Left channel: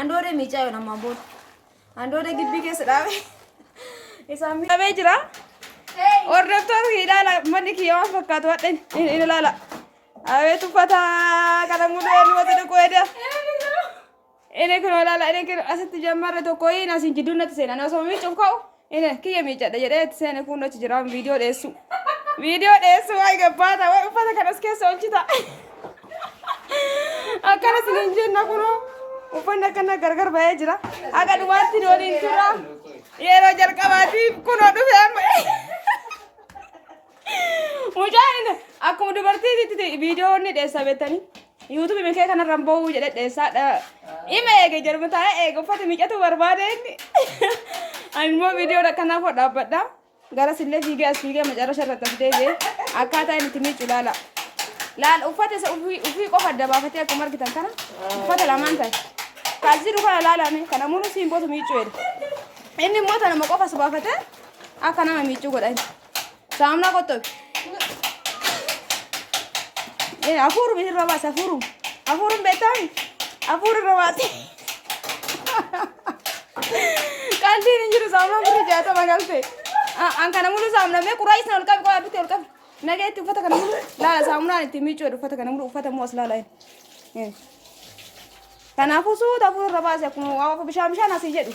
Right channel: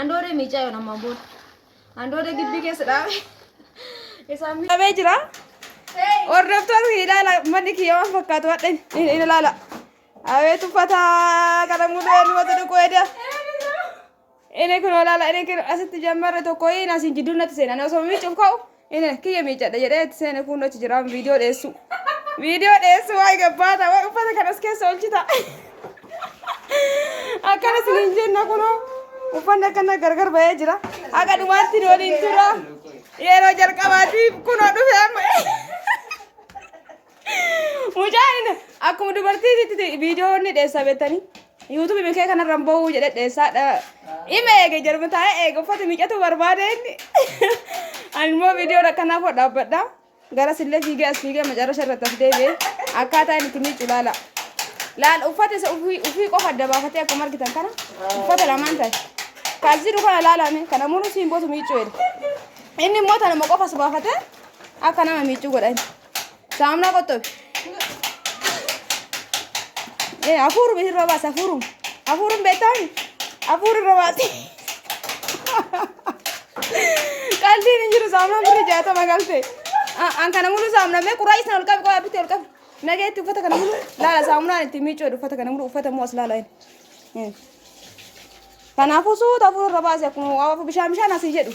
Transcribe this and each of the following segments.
Andoore miicaa yoo namaan booda. Andoore gibbii keessa dhaabe. Isaan miidhamee jira. Hordoftoota ilaala manni kiyya waan fakkaatu wadhan ilaala. Abeet uffata kana mul'ee nu wata dhukkoo edaa. Inni kun olaala inni kun asitti jammarre tokko inni asiin jidduu natti seenan osoo miicuuf ka'u inni kiyya miicadha jedhee itti seene kun achi jira viidiyoo dheessu. Viidiyoo dheessu wayi gabbaata wayi uffata kanas keessa olchita. Akkana siniin jenna kunoo uffanni akkana gargar bahee jira. Akka dhumaatti ni waliin tura. Yeroo jalqabaatiif kunoo dhufee amma. Mucaan akkuma dubartiitti viidiyoo inni dheessaa beektanii. YouTube mikee kanarraan ba'uu jedhee dheessaadha. Ima eege jedhamu taa'ee eege uffata miiccatu barbaade inni. Ani immoo viidiyoo akkanaa koo dhaabbadha. Garas illee fiigee as fiigee macarrasha irratti as deebi'ee akkaataa inni itti miiccu laala. Laala uffata isa ofii qofa adda baafatee akkuma argitan kana uffata lamaan ta'e. Kaasiru kana laalame kana munu siimbootu miiccuu jedhe. Inni immoo tanuma qofa as baafatee akka nama miiccuu godhan. Saamna qottobi. Afuru bisa rabas afuru betan afuru rabati kaldi ni jiru sama beri jata magalte angkana mulu samna me kurai sana ulkam ko abiti ulkam nage tu fata kana mulu lala samna ni timi chodu fata kana mulu fata mos lala kana fusu afuru rabas ya kuno awa bisham shana si jedu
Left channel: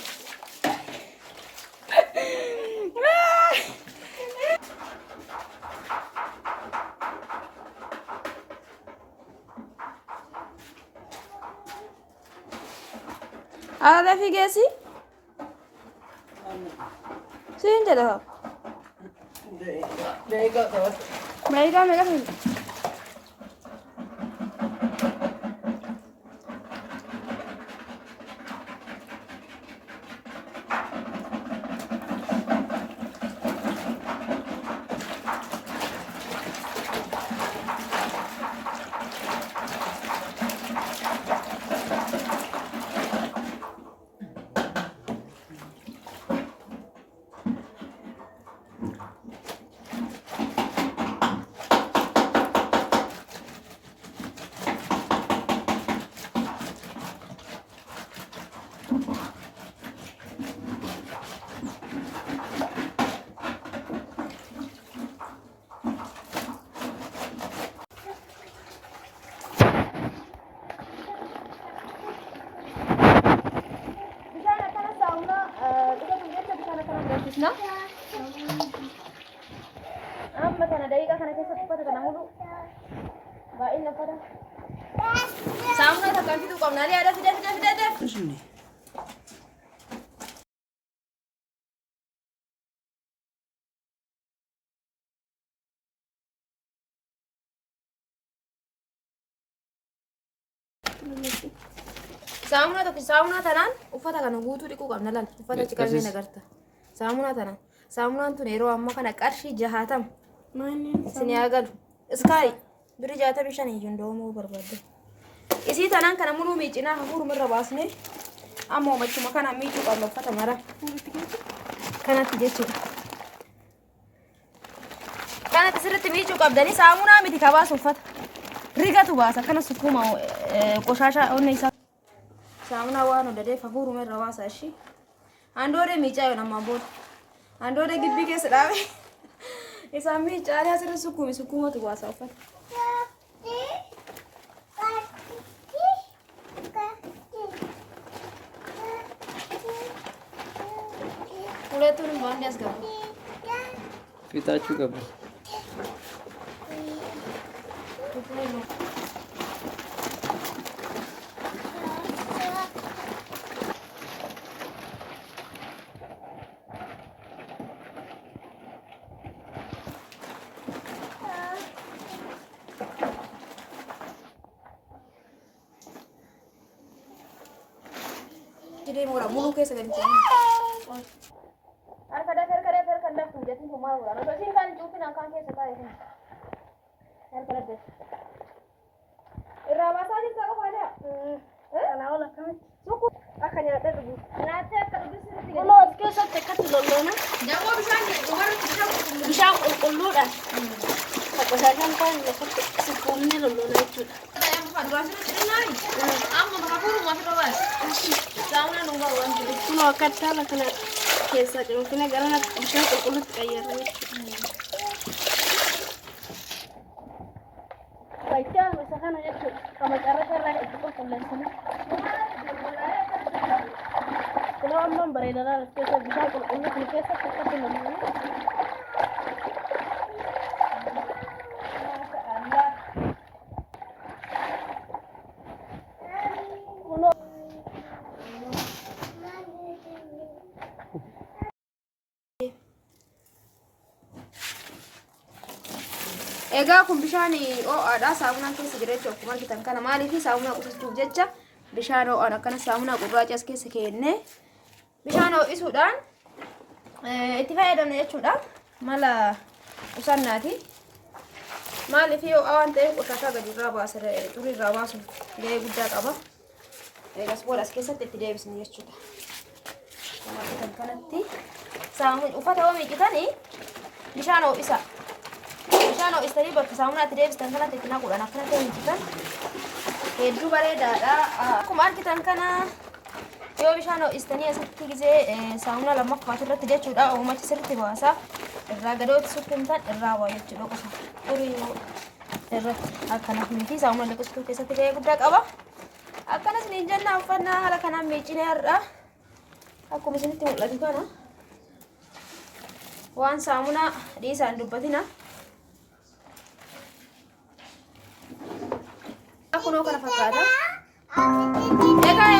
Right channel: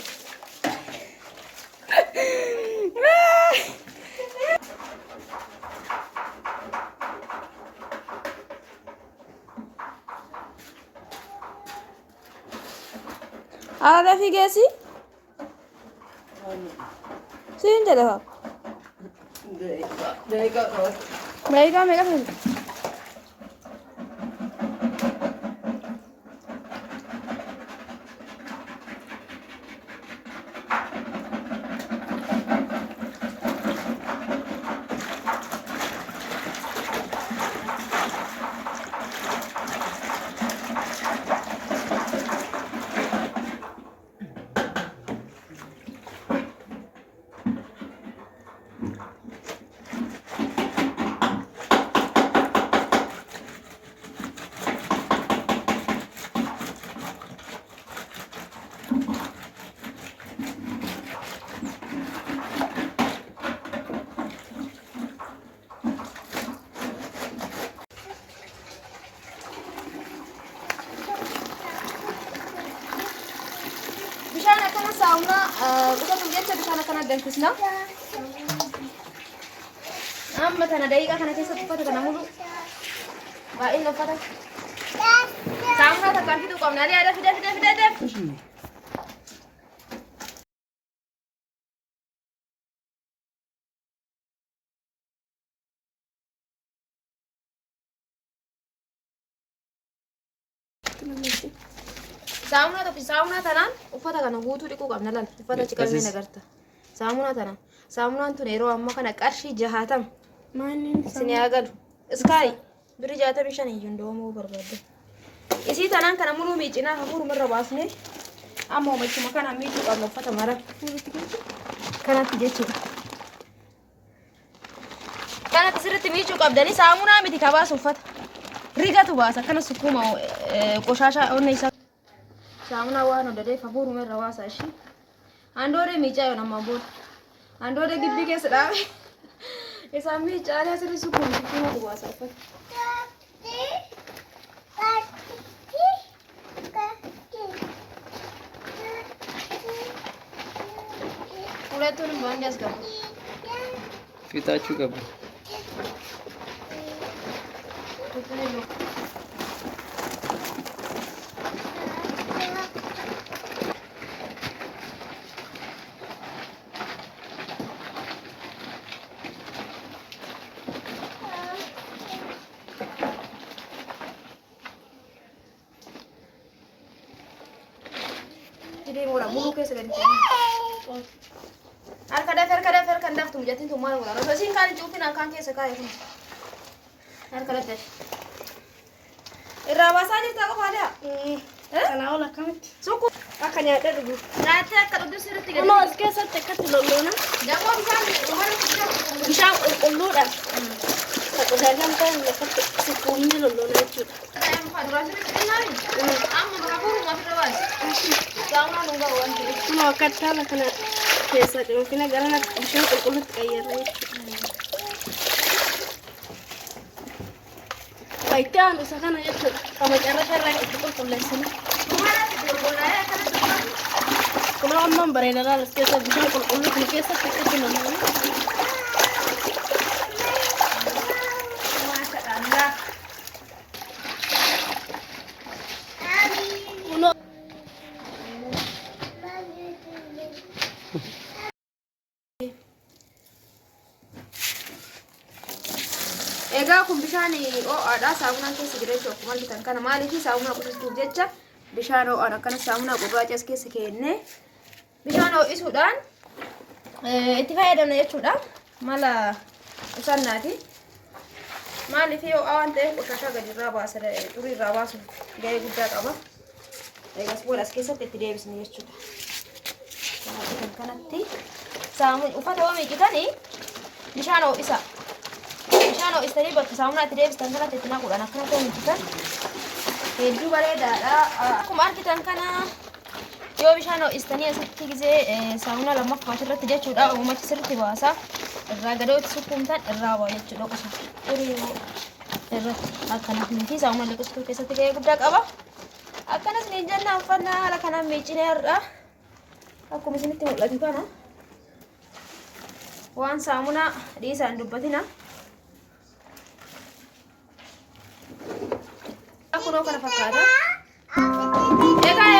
Ada figa sih? Sini dah. Mereka sini. Kita tunggu aja di sana dentistnya. Amma tana daqiiqa kana keessatti uffata kana mulu baay'een uffata saamuna takkaan fiduu qabna yaada fida deef. Saamuna tanaan uffata kana guutuu dhiquu qabna laal uffata ciqalmee nagarta. Saamunaan tun yeroo amma kana qarshii 60 isin yaagalu iskaayi biri 65 iyyuu ndoomoo barbaadde. Isii tanaan kana muluu miicinaa hafuuruma irra baasnee amma machuma kana miicuu qabna uffata mara kanatti jechuudha. Kanatti sirriitti miicuu qabdanii saamunaa miti kabaasu uffata rigatu baasa kana sukkuuma qoshashaa onna isaa. Saamuna waan odadeef hafuuruma irra baasa ishii. Andoore miicaa yoo namaan booda. Andoore gibbii keessa dhaabe. Isaan miicaalee asirra sukkuumatu baasa uffata. Huletuun immoo inni as gabu. Fitaachuu qaba. Jadi murah bulu ke segala macam. Harga dah tu jadi tu malu lah. Rasa sih kan cupin angkat ke sekai tu. Harga dah. Irawas aja tak apa ada. Kalau lah kan. Suku. Akan ada dulu. Nanti kalau tu sudah tiga. Kalau sekian saya tekat dulu na. Jangan Bisa ulu dah. Aku sedang kau lepas sepuluh dulu na itu. Ada yang apa? Durasi ni ni. Amma berapa rumah terus? bishaan hungaa waan ta'eef. Kun akka taala kana keessa cuunfine gara bishaan qulqulluutti qayyarra jechuudha. Wayittaan isa kana jechuudha. Qama carrata irraa itti qulqulleessanii. Kun ammaan bareeda laala keessa bishaan qulqulluu kun keessatti akkatti namoonni. Egaa kun bishaan ho'aadha. Saamunaan keessa jira jechuudha. Akkuma argitan kana maaliif saamunaa qusachuu jecha bishaan ho'aan akkana saamunaa gurraacha as keessa keennee bishaan ho'isuudhaan itti fayyadamna jechuudha. Mala qusannaati. Maaliif ho'aa waan ta'eef qoshashaa gadi irraa baasa xurii irraa baasuuf gahee guddaa qaba. Eegas booda as keessatti itti deebisni jechuudha. Kan kanatti uffata yoo miiqitanii bishaan ho'isa. Bishaan ho'istanii bakka saamunaa itti deebistan kanatti itti naquudhaan akkanatti hojjetan hedduu bareedaadha. Akkuma argitan kana yoo bishaan ho'istanii asitti gisee saamunaa lammaffaa irratti jechuudha. Uumachi sirriitti baasa. Irraa gadootti sukkumtan irraa ba'a jechuudha. Qofa xurii irratti akkanaaf miti saamunaa liqistuu keessatti gahee guddaa qaba. Akkanas niin jennaan uffannaa haala kanaan miiccinee har'a akkuma isinitti mul'atu kana waan saamunaa dhiisaan dubbatina. Kunoo kana fakkaata. Egaa